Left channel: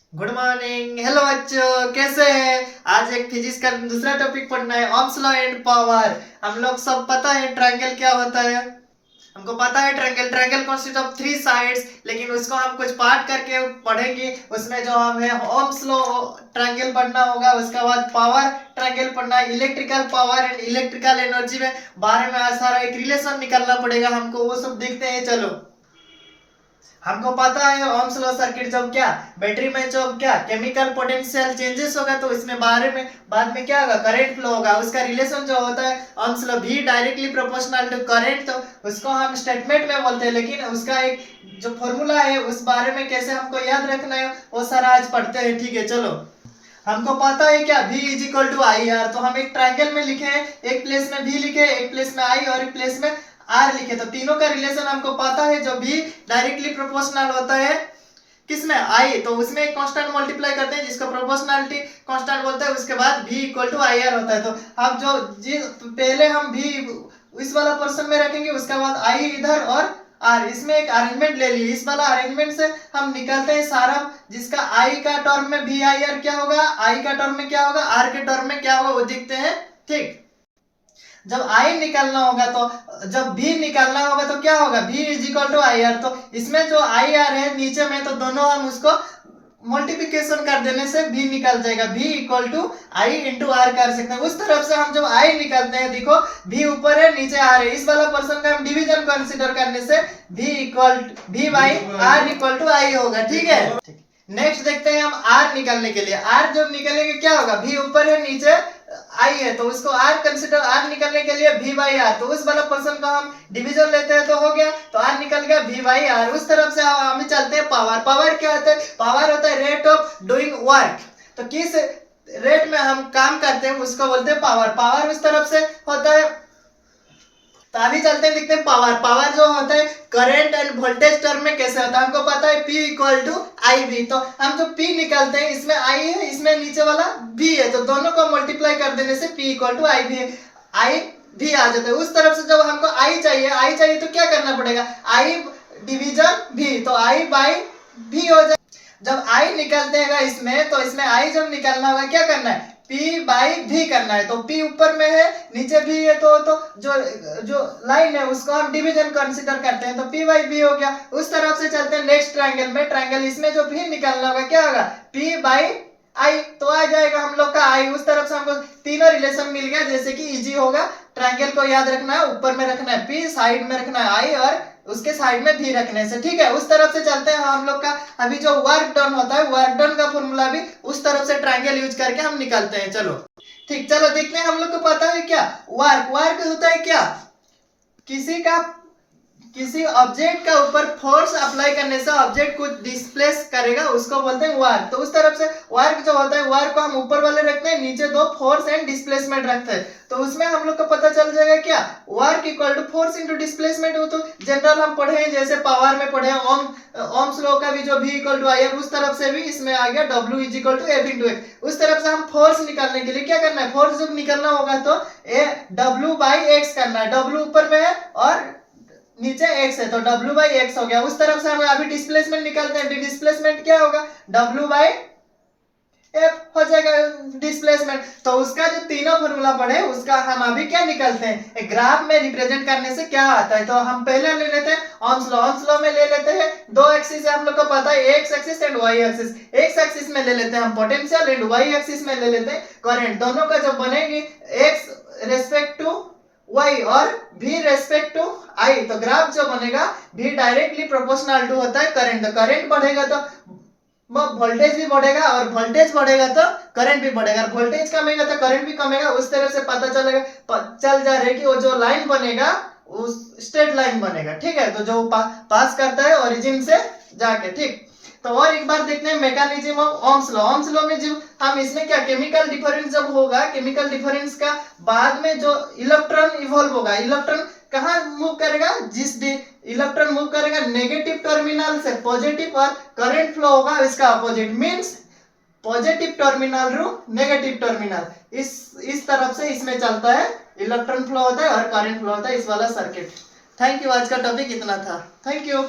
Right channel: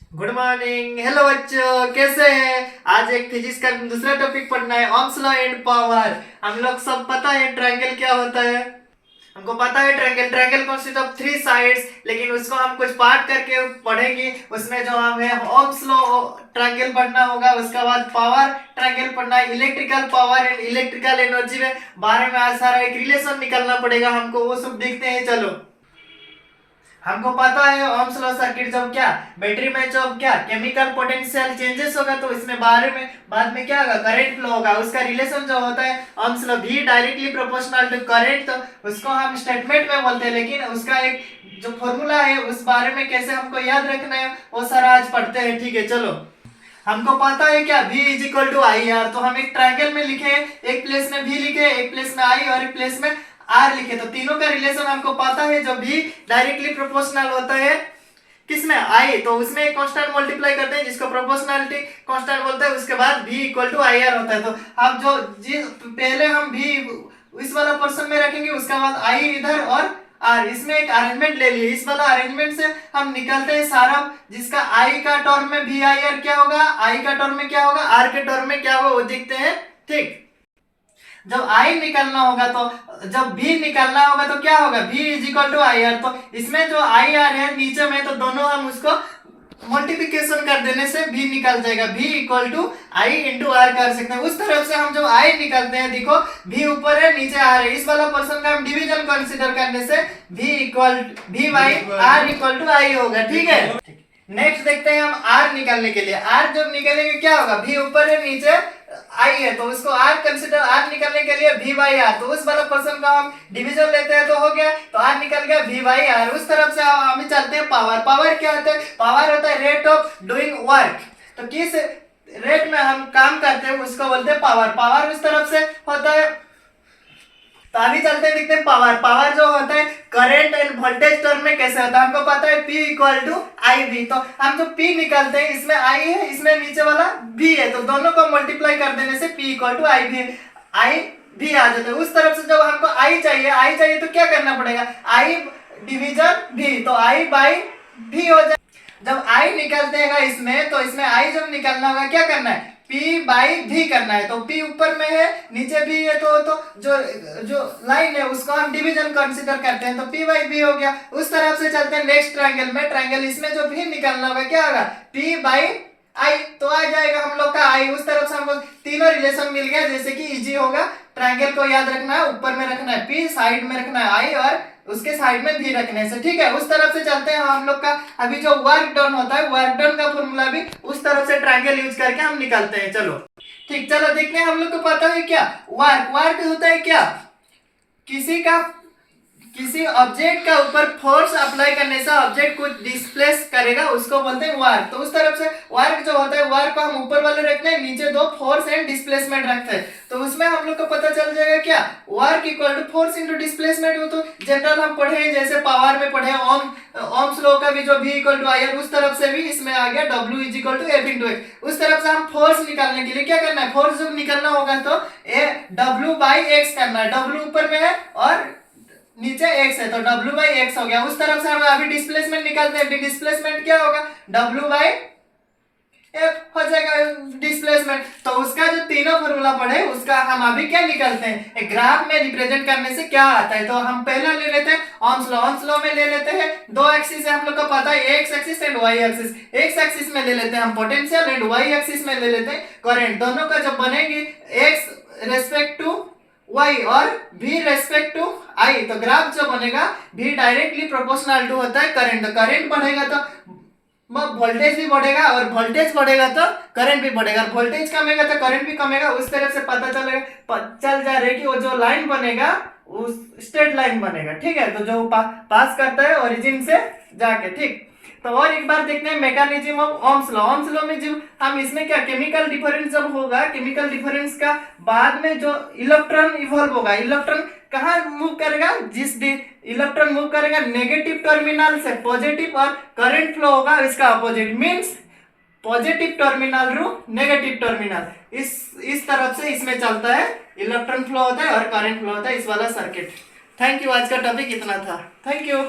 Good morning. Hello बच्चों, कैसे हैं? आज एक फिजिक्स का दूसरा टॉपिक पढ़ना है, ओम्स लॉ एंड पावर। हम लोग सब पता है ट्रायंगल क्या होता है। हमको पता है triangle triangle consist of three sides, लेकिन उसको हम कुछ पार्ट करके पढ़ेंगे। उसमें जो हमें ओम्स लॉ ट्रायंगल पढ़ना होगा, उसके बाद पावर ट्रायंगल पढ़ना है, electrical power and electrical energy में बारे में आज सारा एक रिलेशन निकालना पड़ेगा हमको। वो सब देखते हैं, चलो। हमको पता है ओम्स लॉ सर्किट जब क्या बैटरी में जब क्या केमिकल पोटेंशियल चेंजेस होगा तो इसमें बारे में बाद में क्या होगा, करंट फ्लो होगा। उसका रिलेशन जो होता है ओम्स लॉ भी डायरेक्टली प्रोपोर्शनल टू करंट, तो उसको हम स्टेटमेंट में बोलते हैं। लेकिन उसका एक जो फॉर्मूला है उस बारे में कैसे हमको याद रखना है वो सारा आज पढ़ते हैं, ठीक है। चलो, हमको पता है क्या V is equal to I R, तो हम एक ट्रायंगल में लिखे, एक प्लेस में V लिखे, एक प्लेस में I और एक प्लेस में R लिखे। तो तीनों का रिलेशन हमको पता है। जो V डायरेक्टली प्रोपोर्शनल होता है किसमें, I, तो उसमें एक कांस्टेंट मल्टीप्लाई करते हैं जिसको प्रोपोर्शनलिटी कांस्टेंट बोलते हैं। उसके बाद V equal to I R होता है। तो अब जो पहले हम V इस वाला पर्सन में रखेंगे, उसके बाद I इधर और आर, इसमें एक अरेंजमेंट ले ली। इस वाला अरेंजमेंट से हम निकलते हैं सारा, जिसका आई का टर्म में भी आई आर क्या होगा, आई का टर्म में क्या होगा, आर के टर्म में क्या होगा, वो देखते हैं, ठीक। जब आई निकलना होगा तो जब भी निकलना होगा तो क्या होगा, V is equal to I R. तो इसमें जो आई आर है नीचे में, तो दोनों हम उसको मल्टीप्लिकेशन कर देने से भी निकल जाएगा। V equal to I into R कर सकते हैं। उस तरफ से हम जब आई निकालते हैं, देखो भी ऊपर है नीचे आर है, इस वाला पर्सन का हम डिवीजन कंसीडर करने से भी बाई आर इक्वल टू आई होगा, ठीक है। नेक्स्ट देखते हैं हम आर निकालने के लिए। आर जब निकलेंगे क्या होगा, भी ऊपर है नीचे आई है, तो उसको आर कंसीडर, आर निकलने के लिए भी बाई आर, तो उस वाला पर्सन का हम डिवीजन लेते हैं तो हो गया, तो आर निकल गया भी बाई आर। उस तरफ से हम चलते हैं पावर। पावर क्या होता है, पावर होता है रेट ऑफ डूइंग वर्क। तो किस रेट में हम काम करते हैं उसको बोलते हैं पावर। पावर उस तरफ से होता है। तो अभी चलते हैं, देखते हैं पावर। पावर जो होता है करंट एंड वोल्टेज टर्म में कैसे होता है, हमको पता है P equal to I V. तो हम जो P निकालते हैं, इसमें I है, इसमें नीचे वाला V है, तो दोनों को मल्टीप्लाई कर देने से P equal to I V, I भी आ जाता है। उस तरफ से जब हमको I चाहिए तो क्या करना पड़ेगा, I डिवीजन V, तो I बाई V हो जाए। जब I निकलते हैं इसमें, तो इसमें I जब निकलना होगा क्या करना है, P बाई भी करना है। तो P ऊपर में है नीचे भी है, तो जो लाइन है उसको हम डिवीजन कंसीडर करते हैं, तो P बाई भी हो गया। उस तरफ से चलते हैं नेक्स्ट ट्रायंगल में। ट्रायंगल इसमें जो भी निकलना होगा क्या होगा, P बाई आई, तो आ जाएगा हम लोग का आई। उस तरफ से हमको तीनों रिलेशन मिल गया, जैसे कि इजी होगा। ट्रायंगल को याद रखना है, ऊपर में रखना है P, साइड में रखना है आई और उसके साइड में भी रखने से, ठीक है। उस तरफ से चलते हैं हम लोग का अभी जो वर्क डन होता है, वर्क डन का फॉर्मूला भी उस तरफ से ट्रायंगल यूज करके हम निकालते हैं। चलो ठीक, चलो देखते हैं। हम लोग को पता है क्या वर्क, वर्क होता है क्या, किसी ऑब्जेक्ट के ऊपर फोर्स अप्लाई करने से ऑब्जेक्ट कुछ डिस्प्लेस करेगा, उसको बोलते हैं वर्क। तो उस तरफ से वर्क जो होता है, वर्क को हम ऊपर वाले रखते हैं, नीचे दो फोर्स एंड डिस्प्लेसमेंट रखते हैं। तो उसमें हम लोग को पता चल जाएगा क्या, work equal to force into displacement. हो तो जनरल हम पढ़े हैं, जैसे पावर में पढ़े ओम्स लॉ का भी जो V equal to I R, उस तरफ से भी इसमें आ गया W is equal to F into X. उस तरफ से हम फोर्स निकालने के लिए क्या करना है, फोर्स जब निकलना होगा तो W बाई एक्स करना है। W ऊपर में है और नीचे x है, तो W बाई एक्स हो गया। उस तरफ से हम अभी डिस्प्लेसमेंट निकालते हैं। डिस्प्लेसमेंट क्या होगा, W बाई एफ हो जाएगा डिस्प्लेसमेंट। तो उसका जो तीनों फॉर्मूला पढ़े उसका हम अभी क्या निकालते हैं, एक ग्राफ में रिप्रेजेंट करने से क्या आता है। तो हम पहले ले लेते हैं ओम्स लॉ। ओम्स लॉ में ले लेते हैं दो एक्सिस है, हम लोग को पता है X axis and Y axis. X axis में ले लेते हैं हम पोटेंशियल एंड वाई एक्सिस में ले लेते हैं करंट। दोनों का जब बनेगी एक्स रेस्पेक्ट टू y और v रेस्पेक्ट टू i, तो ग्राफ जो बनेगा v डायरेक्टली प्रोपोर्शनल टू होता है करंट। तो करंट बढ़ेगा तो वोल्टेज भी बढ़ेगा, और वोल्टेज बढ़ेगा तो करंट भी बढ़ेगा, और वोल्टेज कमेगा तो करंट भी कमेगा। उस तरह से पता चल जा रहा है कि वो जो लाइन बनेगा उस स्ट्रेट लाइन बनेगा, ठीक है। तो जो पास करता है ओरिजिन से जाके, ठीक। तो और एक बार देखते हैं mechanism of Ohm's law. Ohm's law में जब हम इसमें क्या केमिकल डिफरेंस जब होगा, केमिकल डिफरेंस का बाद में जो इलेक्ट्रॉन इवॉल्व होगा, इलेक्ट्रॉन कहाँ मूव करेगा, इलेक्ट्रॉन मूव करेगा नेगेटिव टर्मिनल से पॉजिटिव, और करंट फ्लो होगा इसका अपोजिट, मींस पॉजिटिव टर्मिनल रू नेगेटिव टर्मिनल। इस तरफ से इसमें चलता है, इलेक्ट्रॉन फ्लो होता है और करंट फ्लो होता है, इस वाला सर्किट। थैंक यू, आज का टॉपिक इतना था। Thank you.